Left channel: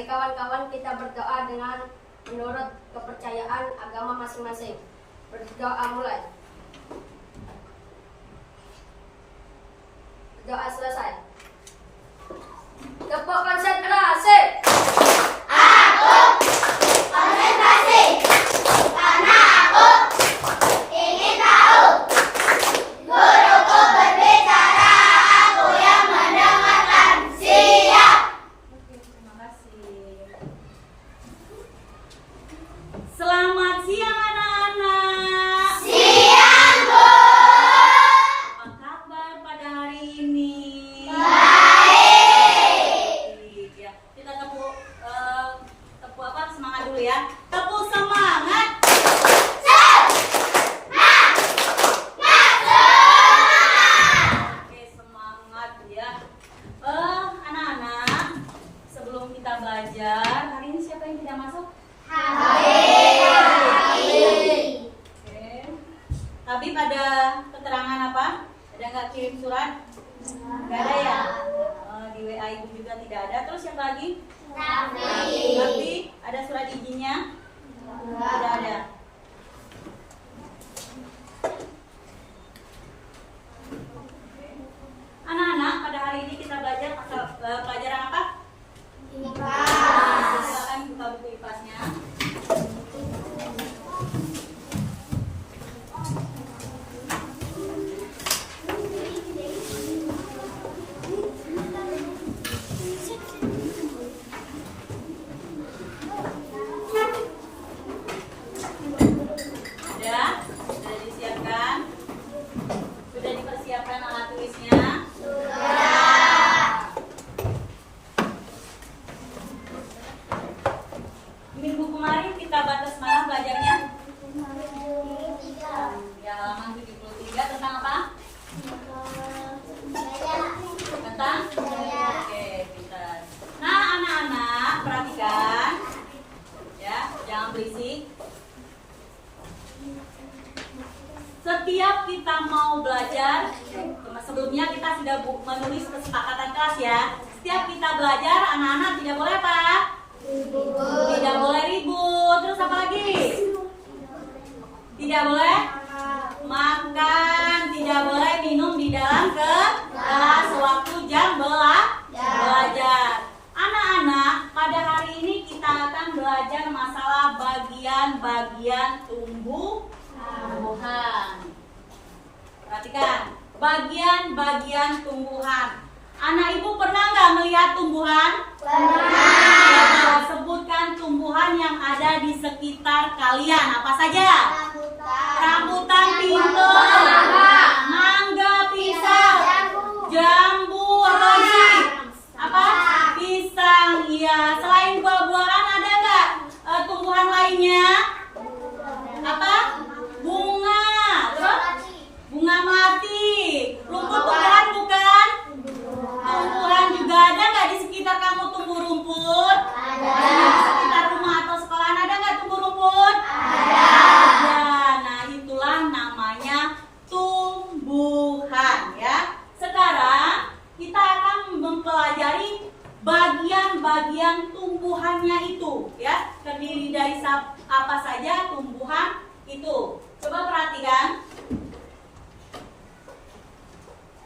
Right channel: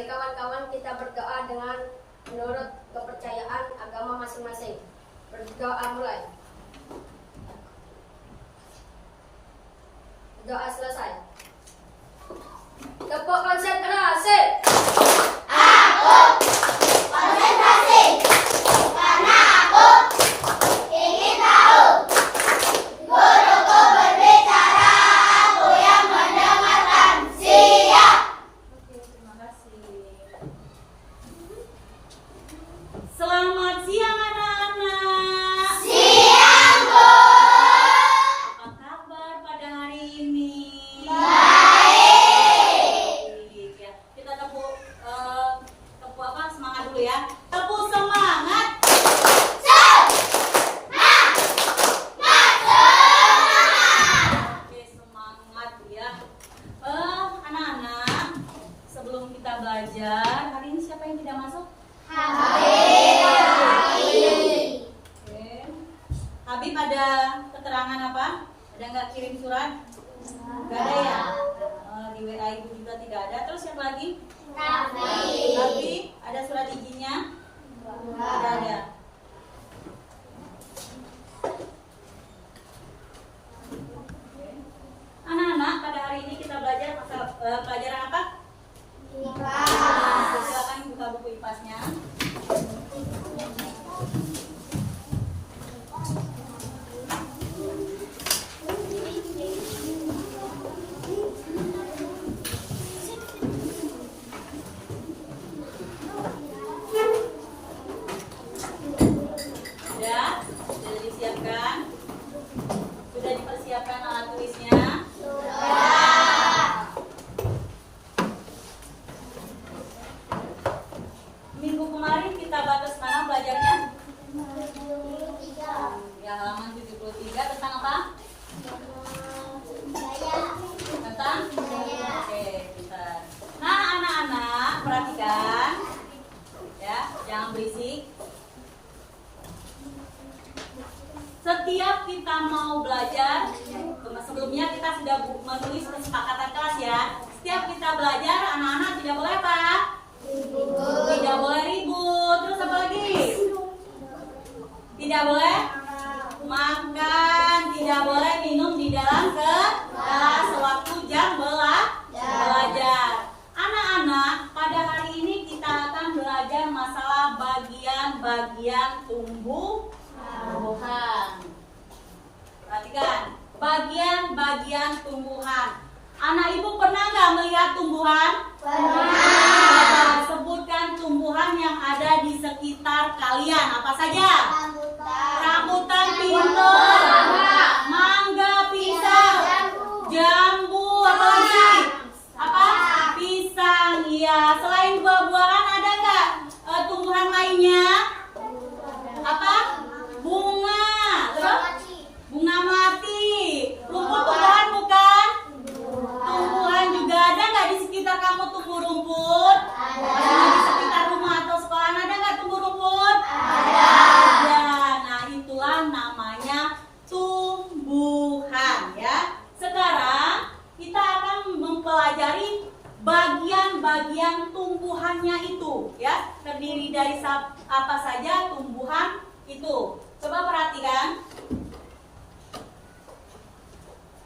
Mari kawan-kawan kita berdoa dengan menurut kepercayaan agama masing-masing. Berdoa mulai. Doa selesai. Tepuk konsentrasi. Aku konsentrasi karena aku ingin tahu. Guruku berbicara, aku yang mendengarkan. Siap. Oke, terima kasih. Selamat siang anak-anak. Siang, Bu. Apa kabar pada hari ini? Baik. Ya, kita tepuk apa? Semangat dulu ya. Tepuk semangat. Oke, semangat ya. Anak-anak, sebelum kita belajar, hari ini siapa yang tidak masuk? Oke. Habib ada keterangan apa? Ada nggak kirim surat? Nggak ada ya? Di WA ibu juga tidak ada. Terus siapa lagi? Tapi ada surat izinnya? Tidak ada. Anak-anak, pada hari ini kita belajar pelajaran apa? Silakan buka buku IPAS-nya. Sudah disiapkan? Sudah dipersiapkan alat tulisnya? Minggu kemarin kita batas mana belajarnya? Ya, halaman 73 tentang apa? Tentang? Oke, pintar. Nah, anak-anak perhatikan ya, jangan berisik. Setiap kita mau belajar, sebelumnya kita sudah menulis kesepakatan kelas ya. Setiap kita belajar, anak-anak tidak boleh apa? Tidak boleh ribut. Terus apa lagi? Tidak boleh makan, tidak boleh minum di dalam kelas sewaktu jam belajar. Anak-anak, pada hari ini kita akan belajar masalah bagian-bagian tumbuhan. Perhatikan, bagian-bagian tumbuhan. Anak ibu pernah nggak melihat tumbuhan? Pernah. Sebutkan tumbuhan yang ada di sekitar kalian. Apa saja? Rambutan, pintar, mangga, pisang, jambu, apa lagi? Apa? Pisang. Ya. Selain buah-buahan ada nggak tumbuhan lainnya? Apa? Bunga. Terus? Bunga melati. Rumput tumbuhan bukan? Tumbuhan juga ada nggak di sekitar kamu tumbuh rumput? Ada. Di sekitar rumah atau sekolahan ada nggak tumbuh rumput? Ada. Nah, itulah namanya tumbuhan ya. Sekarang kita akan mempelajari bagian-bagian tumbuhannya itu ya. Terdiri dari apa saja tumbuhan itu. Coba perhatikan.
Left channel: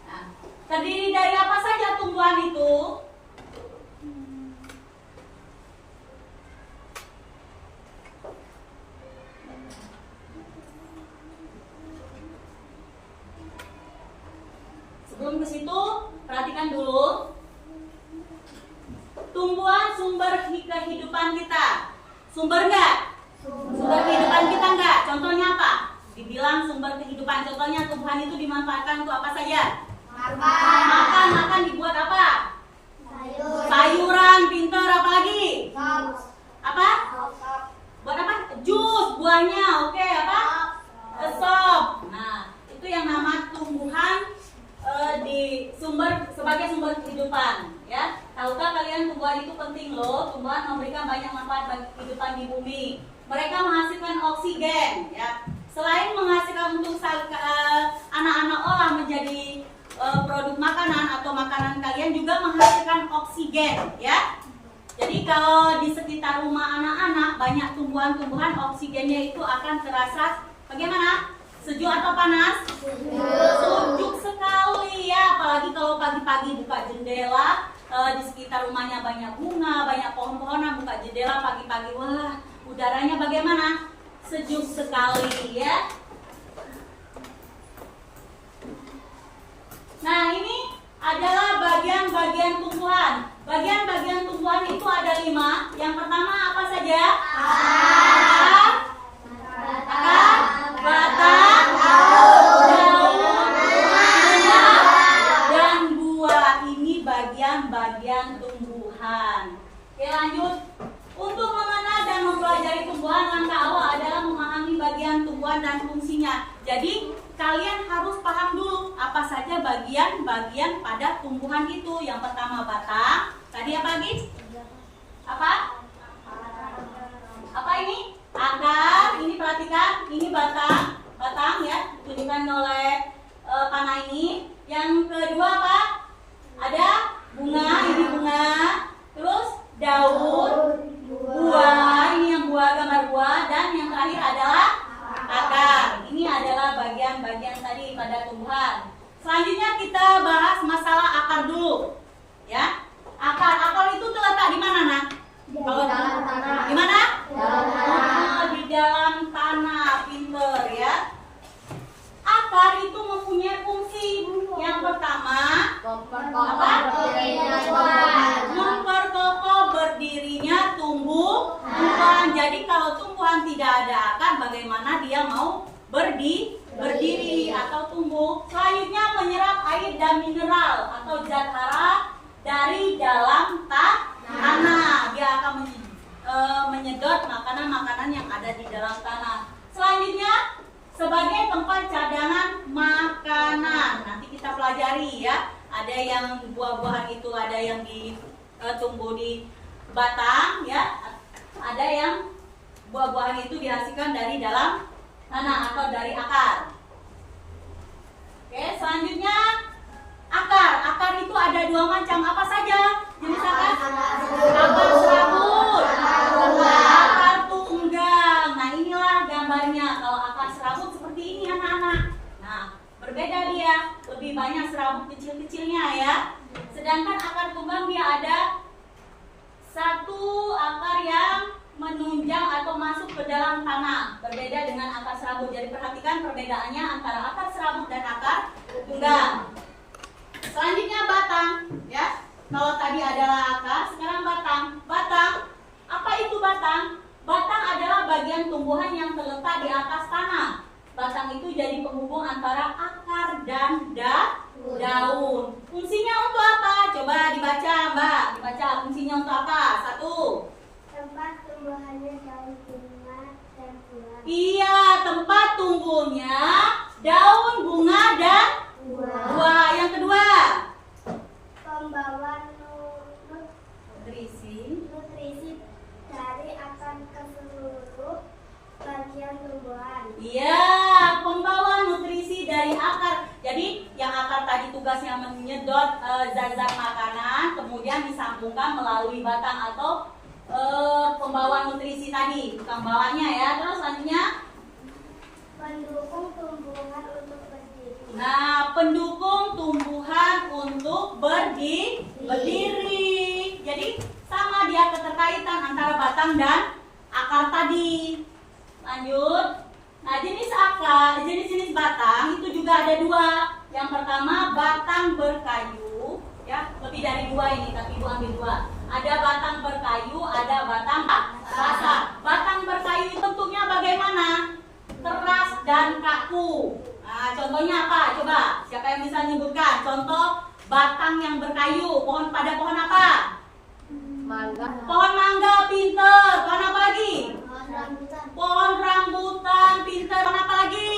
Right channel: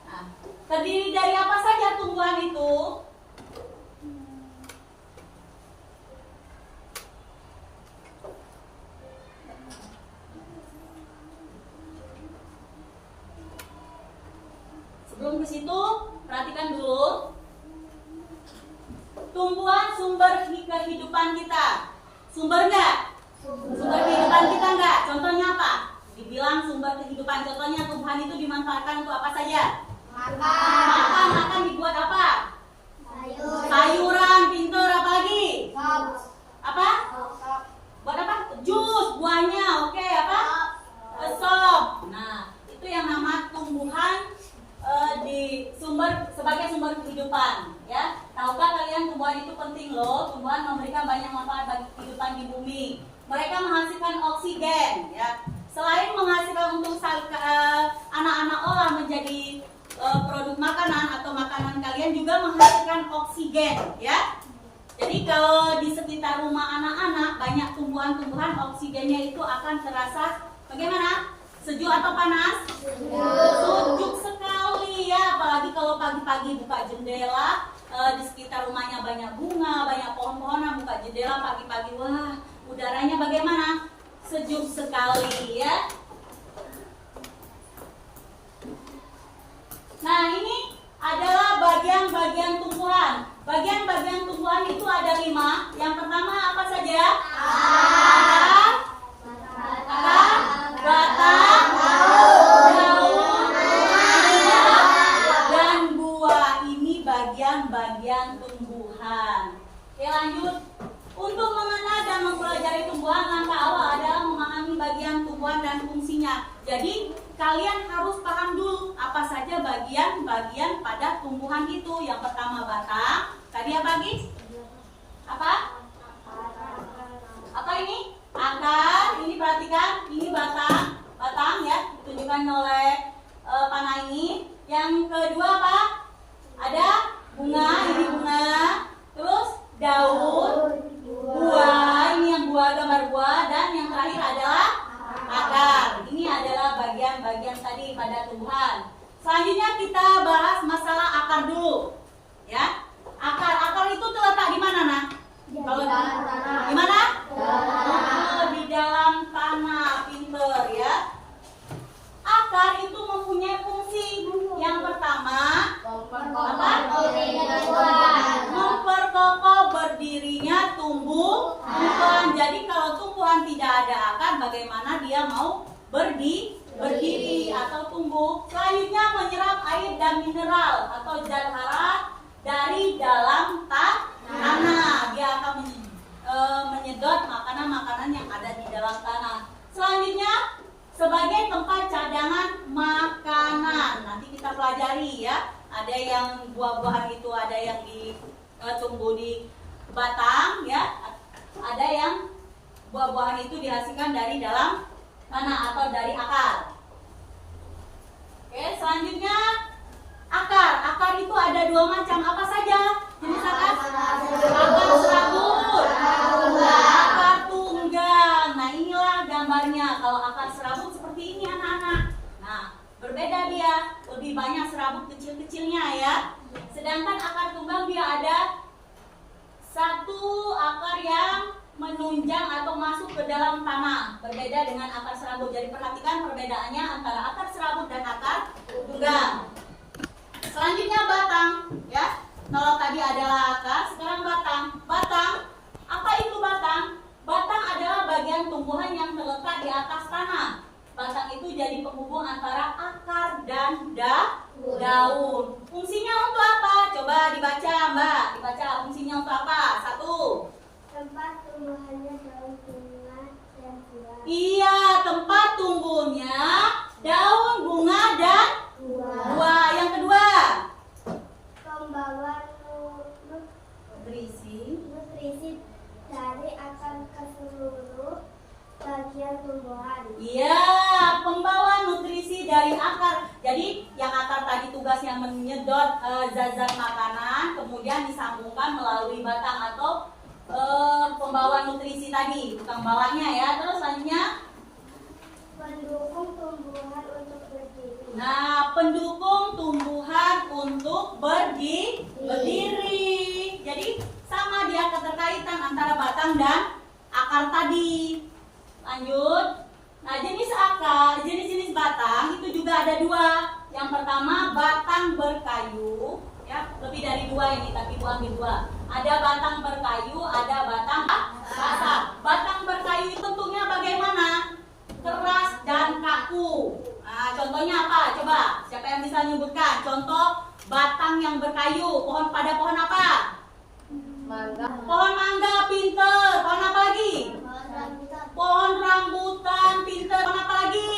Nah, terdiri dari apa saja tumbuhan itu? Sebelum ke situ, perhatikan dulu. Tumbuhan sumber kehidupan kita. Sumber nggak? Sumber kehidupan kita nggak? Contohnya apa? Dibilang sumber kehidupan. Contohnya tumbuhan itu dimanfaatkan untuk apa saja? Makan dibuat apa? Sayuran, pintar, apa lagi? Apa? Buat apa? Jus, buahnya, oke, apa? Sop. Nah, itu yang nama tumbuhan sebagai sumber kehidupan, ya. Tahukah kalian tumbuhan itu penting loh? Tumbuhan memberikan banyak manfaat bagi kehidupan di bumi. Mereka menghasilkan oksigen, ya. Selain menghasilkan untuk anak-anak olah menjadi produk makanan atau makanan kalian juga menghasilkan oksigen, ya. Jadi kalau di sekitar rumah anak-anak banyak tumbuhan-tumbuhan, oksigennya itu akan terasa bagaimana? Sejuk atau panas? Sejuk sekali ya, apalagi kalau pagi-pagi buka jendela, di sekitar rumahnya banyak bunga, banyak pohon-pohonan, buka jendela pagi-pagi, wah udaranya bagaimana? Sejuk sekali ya. Nah ini adalah bagian-bagian tumbuhan. Bagian-bagian tumbuhan itu ada 5. Yang pertama apa saja? Akar, batang, daun, dan buah. Ini bagian-bagian tumbuhan. Oke lanjut. Untuk mengenal dan mempelajari tumbuhan, langkah awal adalah memahami bagian tumbuhan dan fungsinya. Jadi kalian harus paham dulu apa saja bagian-bagian pada tumbuhan itu. Yang pertama batang. Tadi apa lagi? Apa? Apa ini? Akar. Ini perhatikan. Ini batang. Batang ya. Ditunjukkan oleh panah ini. Yang kedua apa? Ada bunga. Ini bunga. Terus daun. Buah. Ini yang buah, gambar buah. Dan yang terakhir adalah akar. Ini adalah bagian-bagian tadi pada tumbuhan. Selanjutnya kita bahas masalah akar dulu. Ya. Akar itu terletak di mana, Nak? Kalau di mana? Di dalam tanah, pinter ya. Akar itu mempunyai fungsi. Yang pertama, apa? Memperkokoh berdirinya tumbuhan. Jadi kalau tumbuhan tidak ada akar, bagaimana dia mau berdiri atau tumbuh? Selanjutnya menyerap air dan mineral atau zat hara dari dalam tanah. Dia akan menyedot makanan-makanan yang ada di dalam tanah. Selanjutnya sebagai tempat cadangan makanan. Nanti kita pelajari ya. Ada yang buah-buahan itu ada yang tumbuh di batang ya. Ada yang buah-buahan itu dihasilkan dari dalam tanah atau dari akar. Oke, selanjutnya akar itu ada 2 macam. Apa saja jenis akar? Akar serabut, akar tunggang. Nah inilah gambarnya. Kalau akar serabut seperti ini anak-anak. Nah berbeda dia, lebih banyak serabut kecil-kecilnya ya. Sedangkan akar tunggang dia ada satu akar yang menunjang atau masuk ke dalam tanah. Berbeda dengan akar serabut. Jadi perhatikan perbedaannya antara akar serabut dan akar tunggang. Selanjutnya batang, ya. Kalau tadi adalah akar, sekarang batang. Batang, apa itu batang? Batang adalah bagian tumbuhan yang terletak di atas tanah. Batang itu jadi penghubung antara akar dan daun. Fungsinya untuk apa? Coba dibaca, Mbak. Dibaca fungsinya untuk apa? 1. Tempat tumbuhannya daun, bunga, dan buah. Iya, tempat tumbuhnya daun, bunga, dan buah. Yang kedua, Pembawa nutrisi dari akar ke seluruh bagian tumbuhan. Iya, pembawa nutrisi dari akar. Jadi yang akar tadi tugasnya menyedot zat-zat makanan, kemudian disambungkan melalui batang atau pembawa nutrisi tadi, tukang bawanya ya. Terus selanjutnya Pendukung tumbuhan untuk berdiri. nah, pendukung tumbuhan untuk berdiri. Jadi sama dia keterkaitan antara batang dan akar tadi. Lanjut. Nah, jenis batang itu juga ada 2. Yang pertama batang berkayu, ya, lebih dari 2 ini, tapi Ibu ambil 2. Ada batang berkayu, ada batang basah. Batang berkayu itu bentuknya bagaimana? Keras dan kaku. Nah, contohnya apa? Coba, siapa yang bisa menyebutkan contoh batang yang berkayu? Pohon apa? Mangga. Pohon mangga, pinter. Pohon apa lagi? Pohon rambutan, pinter. Pohon apa lagi?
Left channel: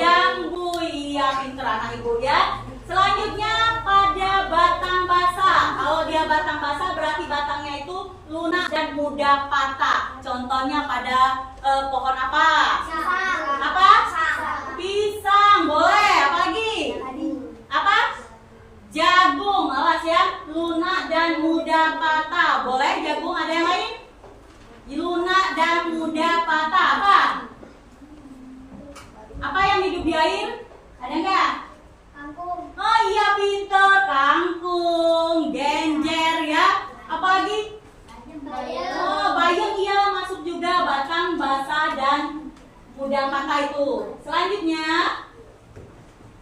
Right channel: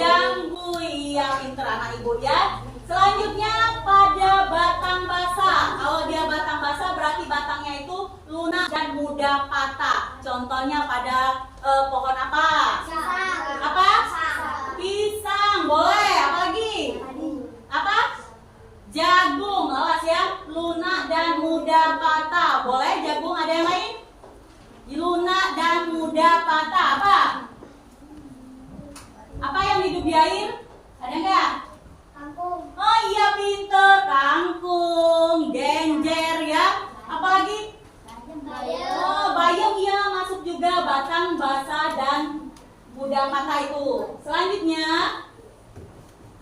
Jambu. Iya, pinter anak ibu ya. Selanjutnya pada batang basah. Kalau dia batang basah berarti batangnya itu lunak dan mudah patah. Contohnya pada pohon apa? Apa? Pisang. Boleh. Apa lagi? Apa? Jagung. Awas ya. Lunak dan mudah patah. Ubi air? Ada nggak? Kangkung. Oh iya pinter, kangkung, genjer ya. Apalagi? Bayam. Oh, bayam iya masuk juga, batang, basa dan mudah patah itu. Selanjutnya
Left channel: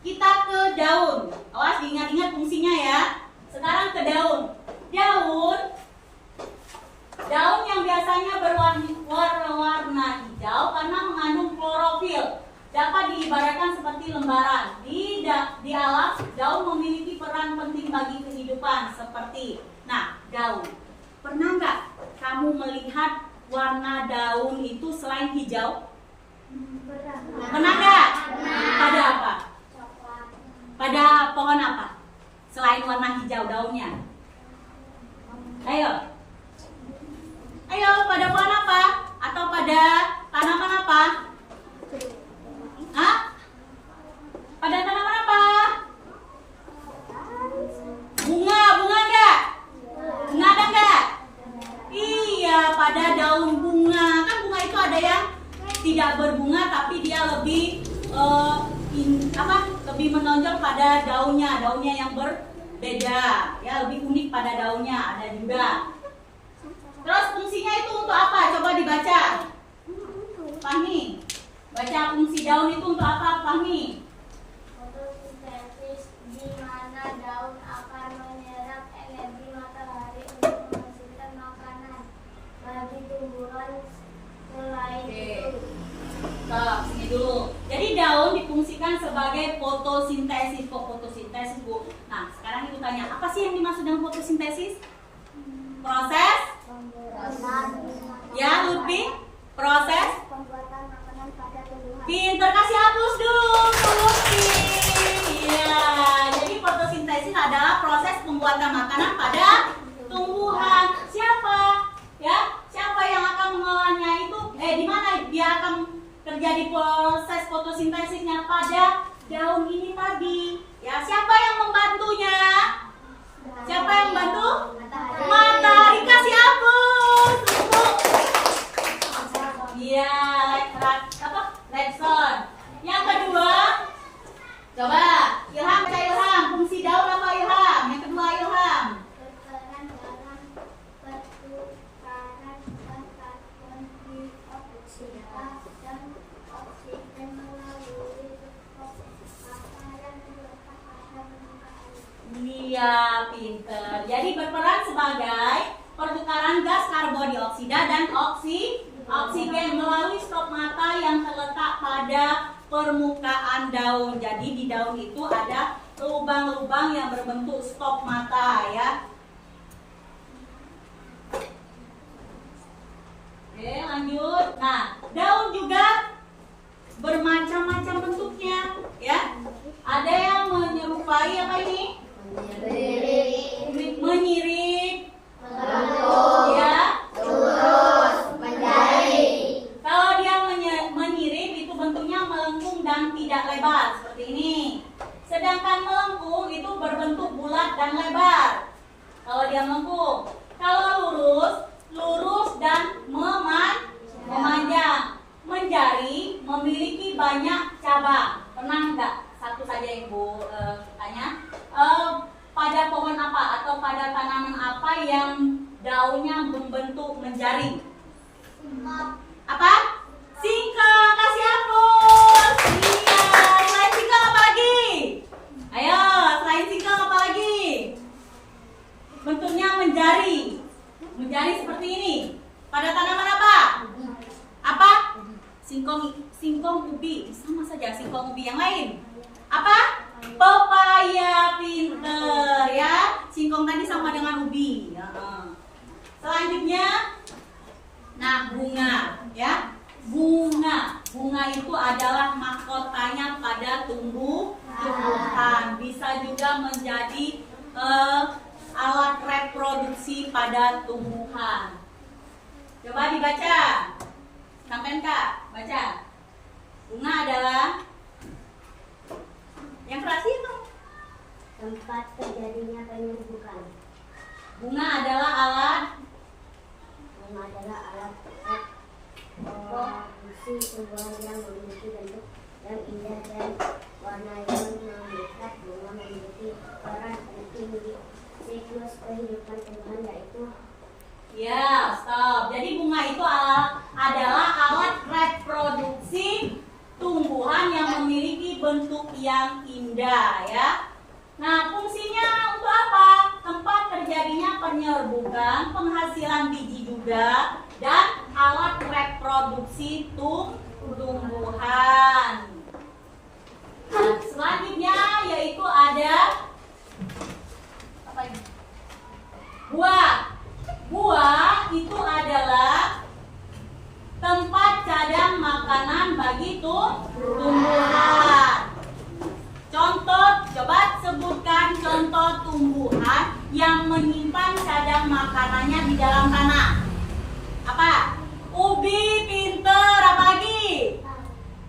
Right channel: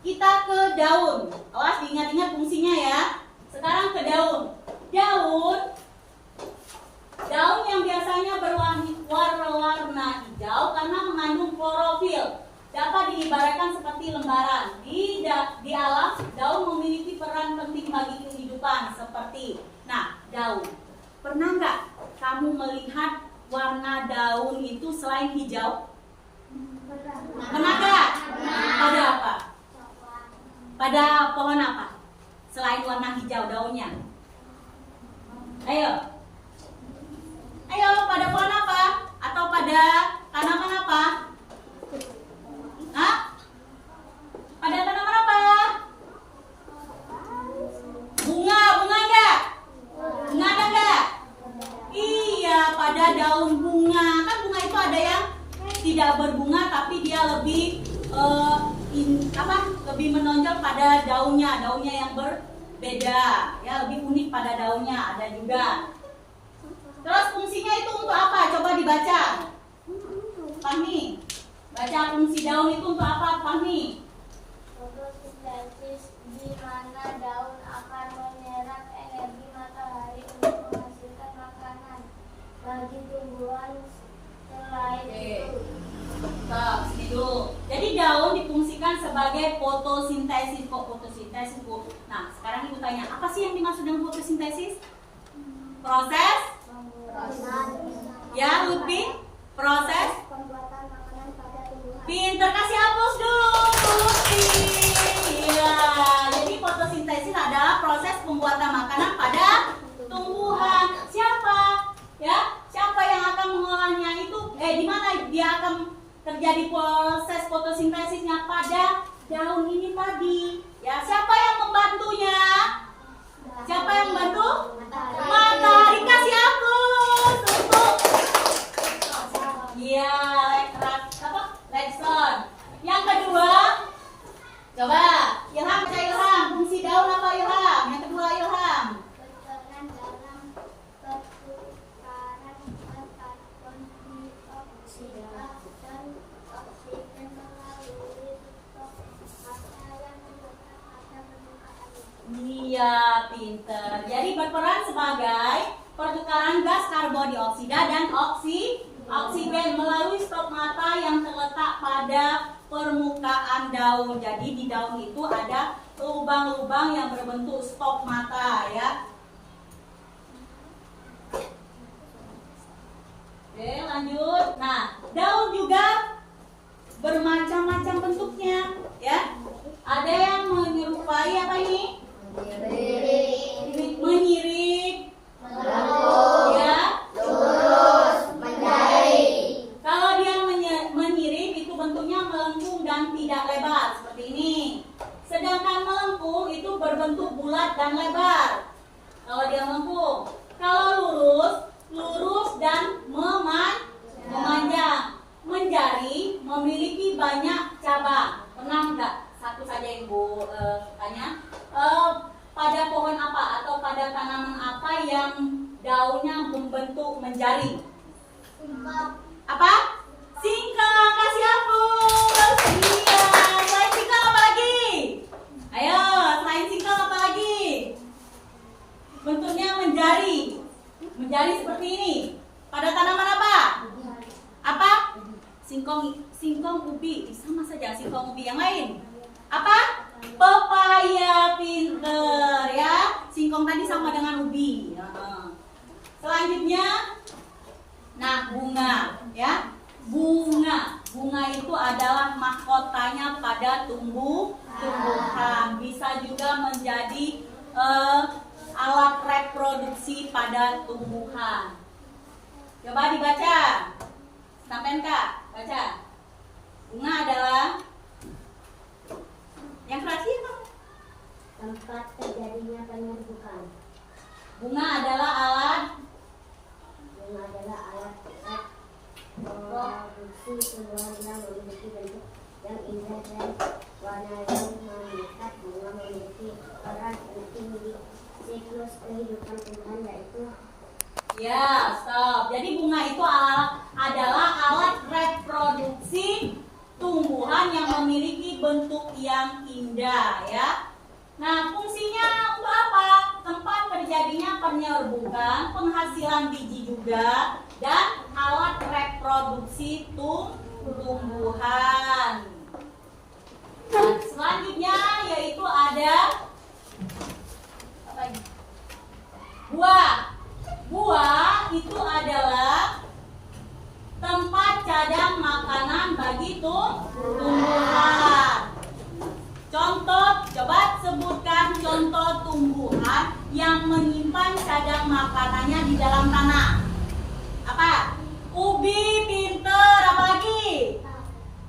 kita ke daun. Awas diingat-ingat fungsinya ya. Sekarang ke daun. Daun yang biasanya berwarna hijau karena mengandung klorofil. Dapat diibaratkan seperti lembaran. Di alam, daun memiliki peran penting bagi kehidupan seperti, nah, daun. Pernah nggak kamu melihat warna daun itu selain hijau? Pernah nggak? Pada apa? Pada pohon apa? Selain warna hijau daunnya? Ayo. Ayo, pada pohon apa? Atau pada tanaman apa? Hah? Pada tanaman apa? Bunga enggak? Bunga ada enggak? Iya, pada daun bunga. Kan bunga itu ada yang tidak berbunga tapi dia lebih lebih menonjol pada daunnya yang berbeda, ya lebih unik pada daunnya ada juga. Terus fungsinya itu untuk apa? Coba dibaca. Fahmi, baca fungsi daun itu untuk apa, Fahmi? Fotosintesis, di mana daun akan menyerap energi matahari untuk menghasilkan makanan bagi tumbuhan selain itu. Sini dulu. Jadi daun difungsikan sebagai fotosintesis. Kok fotosintesis, Bu? Nah, sekarang Ibu tanya, apa sih yang dimaksud dengan fotosintesis? Proses? Ya, Lutfi? Proses? Pembuatan makanan pada tumbuhan. Pinter, kasih hapus dulu, Lutfi. Iya, jadi fotosintesis adalah proses pembuatan makanan pada tumbuhan. Siapa? Ya, siapa yang akan mengolahnya itu? Di mana dia akan terjadi proses fotosintesisnya? Pada daun ini tadi. Ya, siapa yang membantunya? Siapa yang membantu? Matahari. Kasih hapus untuk iya, Lekson. Yang kedua, coba Ilham, baca Ilham. Fungsi daun apa Ilham? Yang kedua Ilham. Berperan dalam pertukaran karbon dioksida dan oksigen melalui makanan pada permukaan. Iya, pinter. Jadi berperan sebagai pertukaran gas karbon dioksida dan oksigen melalui stomata yang terletak pada permukaan daun. Jadi di daun itu ada lubang-lubang yang berbentuk stomata ya. Oke, lanjut. Nah, daun juga bermacam-macam bentuknya ya. Ada yang menyerupai apa ini? Menyirik, ya, lurus, menjari. kalau dia menyirik itu bentuknya melengkung dan tidak lebar seperti ini. Sedangkan melengkung itu berbentuk bulat dan lebar. Kalau dia melengkung, kalau lurus dan memanjang. Menjari memiliki banyak cabang. Pernah nggak? Satu saja Ibu tanya. Pada pohon apa atau pada tanaman apa yang daunnya membentuk menjari? Apa? Singkong. Kasih hapus. Iya. Selain singkong apa lagi? Ayo, selain singkong apa lagi? Bentuknya menjari. Menjari seperti ini. Pada tanaman apa? Apa? Singkong ubi. Sama saja singkong ubi. Yang lain? Apa? Pepaya. Pinter ya. Singkong tadi sama dengan ubi. Selanjutnya, nah bunga ya. Bunga itu adalah mahkotanya pada tumbuhan. Bisa juga menjadi alat reproduksi pada tumbuhan. Coba dibaca. Sampai Kak, baca. Bunga adalah yang kreasi apa? Tempat terjadinya penyerbukan. Bunga adalah alat Reproduksi tumbuhan yang memiliki bentuk yang indah dan warna yang memikat. Bunga memiliki peran penting di siklus kehidupan tumbuhan, yaitu Ya, stop. Jadi bunga itu adalah alat reproduksi tumbuhan yang memiliki bentuk yang indah, ya. Nah, fungsinya untuk apa? Tempat terjadinya penyerbukan, penghasilan biji juga, dan alat reproduksi tumbuhan. Nah, selanjutnya yaitu ada apa ini? Buah. Buah itu adalah tempat cadang makanan bagi tumbuhan. Contoh, coba sebutkan contoh tumbuhan yang menyimpan cadang makanannya di dalam tanah. Apa? Ubi, pinter, apa lagi?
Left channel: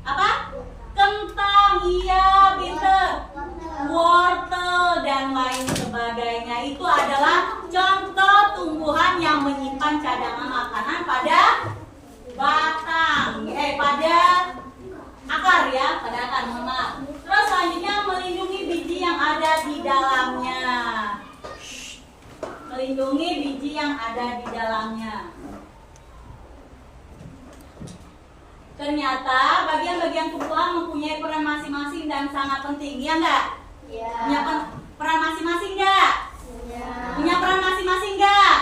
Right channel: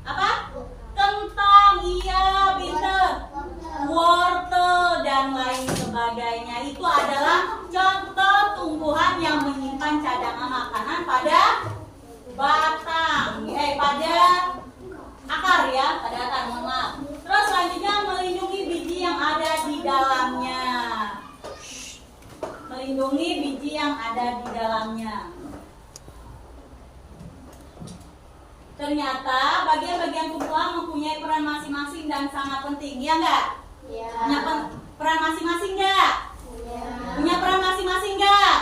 Apa? Kentang, iya, pinter. Wortel dan lain sebagainya. Itu adalah contoh tumbuhan yang menyimpan cadangan makanan pada batang, pada akar, ya, pada akar, mohon maaf. Terus selanjutnya melindungi biji yang ada di dalamnya. Melindungi biji yang ada di dalamnya. Ternyata bagian-bagian tumbuhan mempunyai peran masing-masing dan sangat penting, ya enggak? Ya. Punya peran masing-masing enggak? Punya peran masing-masing enggak?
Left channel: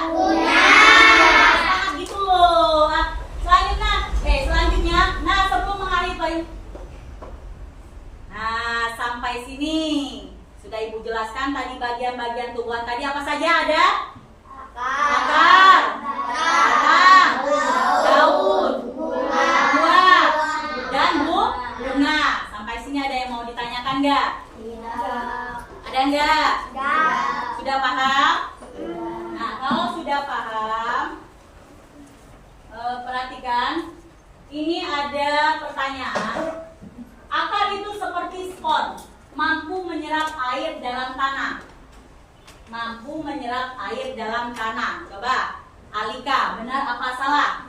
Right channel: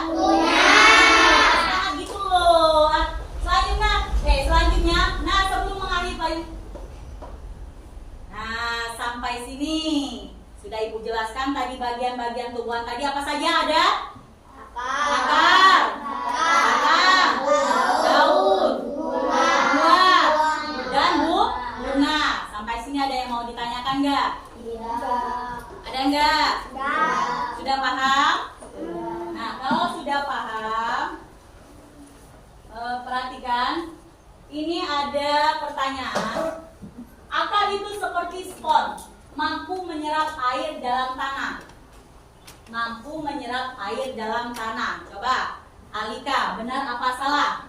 Sangat gitu loh. Selanjutnya, nah sebelum mengakhiri, nah sampai sini sudah Ibu jelaskan tadi bagian-bagian tumbuhan tadi apa saja ada? Akar, batang, daun, buah, dan bunga. Sampai sini ada yang mau ditanyakan enggak? Ada enggak? Sudah paham? Nah, kalau sudah paham, perhatikan. Ini ada pertanyaan. Akar itu seperti spons, mampu menyerap air dalam tanah. Mampu menyerap air dalam tanah. Coba, Alika, benar apa salah?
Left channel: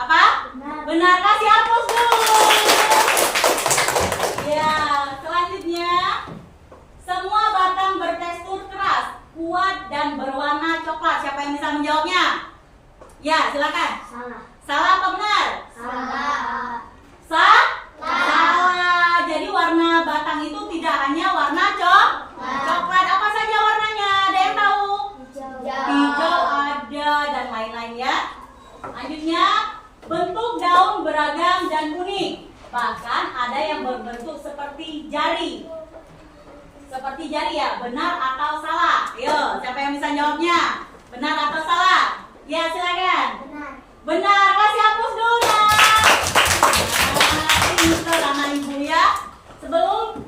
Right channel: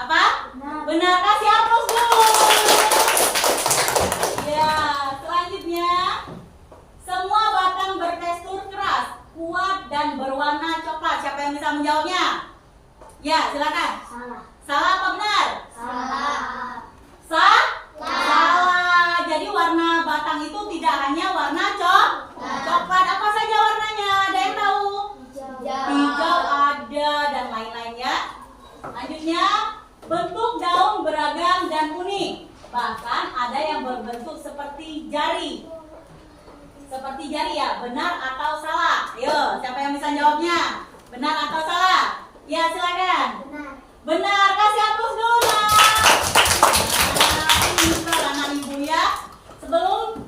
Apa? Benar. Kasih hapus dulu. Ya, selanjutnya. Semua batang bertekstur keras, kuat dan berwarna coklat. Siapa yang bisa menjawabnya? Ya, silakan. salah. Salah apa benar? Salah. Salah. Jadi warna batang itu tidak hanya warna coklat. Apa saja warnanya? Ada yang tahu? Hijau ada dan lain-lain, ya. Selanjutnya, bentuk daun beragam dan unik. Bahkan ada yang berbentuk seperti jari. Seperti jari, ya. Benar atau salah? Yo, siapa yang bisa jawabnya? Benar atau salah? Ya, silakan. Benar. Kasih hapus dulu, Nak. Nah, ini keterangan Ibu, ya. Sebelum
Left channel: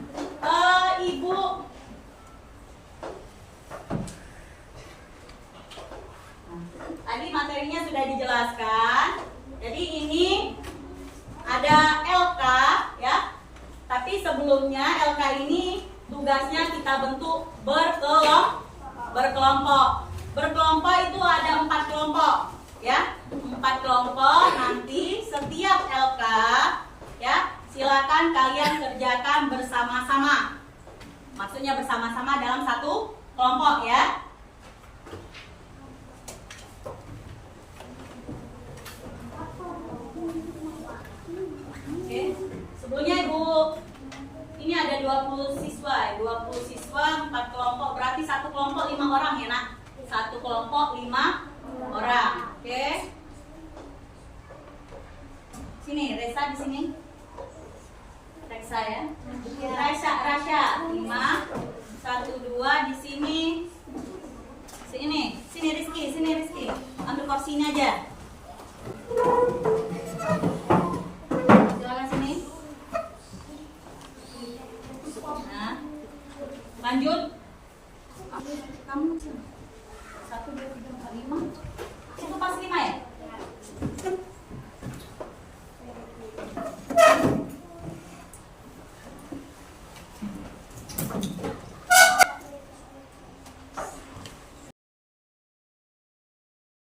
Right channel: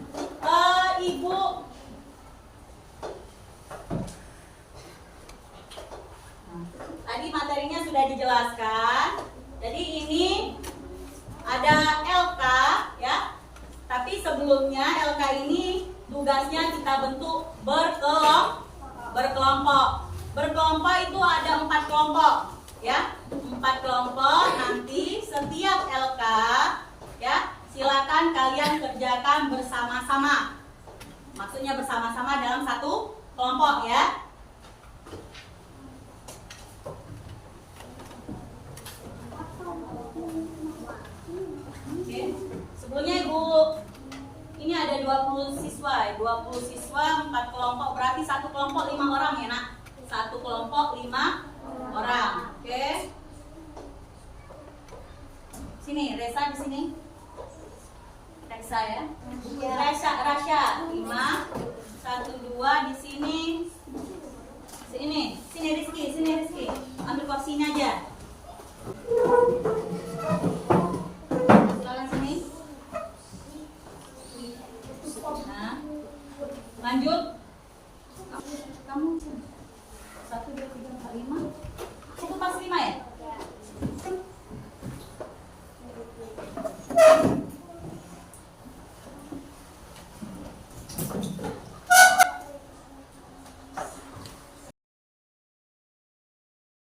Ibu tadi materinya sudah dijelaskan. Jadi ini ada LK, ya. Tapi sebelumnya LK ini tugasnya kita bentuk berkelompok. Berkelompok itu ada 4 kelompok, ya. 4 kelompok. Nanti setiap LK, ya, silakan kalian kerjakan bersama-sama. Maksudnya bersama-sama dalam satu kelompok, ya. Oke. Sebelumnya Ibu, ini ada 20 siswa, 4 kelompok, berarti satu kelompok 5 orang, ya, Nak. Satu kelompok 5 orang. Oke. Sini, Resa di sini. Resa, ya. Rasya 5. 1 2 di sini. Sini Rizky. Ambil kursi ini aja. Silakan sini. Nah, lanjut. Kamu 1 2 3 4 5.